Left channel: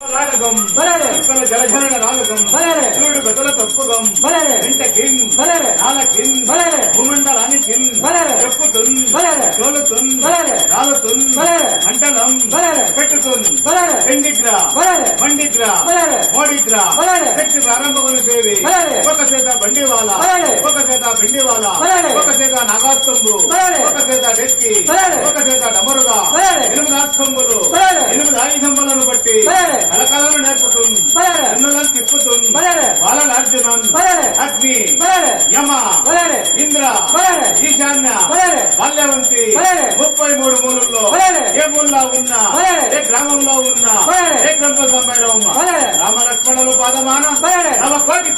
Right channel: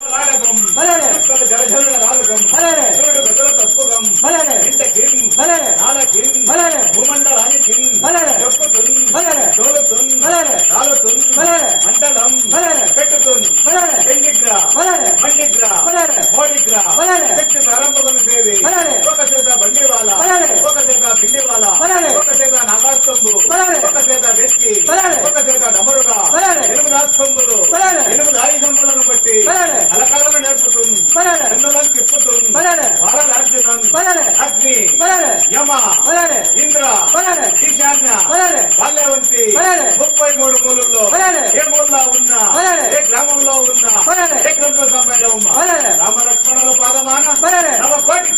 రాగం జలజల రాగం చూడు గతుల తప్పుగం ఇంటకిన్ నాలకిన్ భూమండలానికి చెప్పుతున్ తోలుతున్ రాలుతున్ అంటనం పెట్టుతున్ ఎండిగ్ర మండిగ్ర మోడిగ్ర శక్తి ప్రారంభములు సేవి ఒక చేత బండివాల ఒక చేత పిండివాల ఒక చేత నాగాస్తంబు ఒక చేత డెక్కి ఒక చేత డమరుగా 8 ఆస్తంబులు 8 ఆయుధములను బట్టి కలకలను నేర్పుతుంది అన్నులను తిప్పుతుంది బాలనార్జునన్ అగ్ని యమ ఇంద్ర ఈశాన్య బాల్యవంతి 33 మూలల్లో ఏ మూలలో ఉన్నా ఏ గ్రామంలో ఉన్నా ఏ గ్రంథ సమ్మేళనం రామలక్ష్మణులు పాదమాన నవ కోటి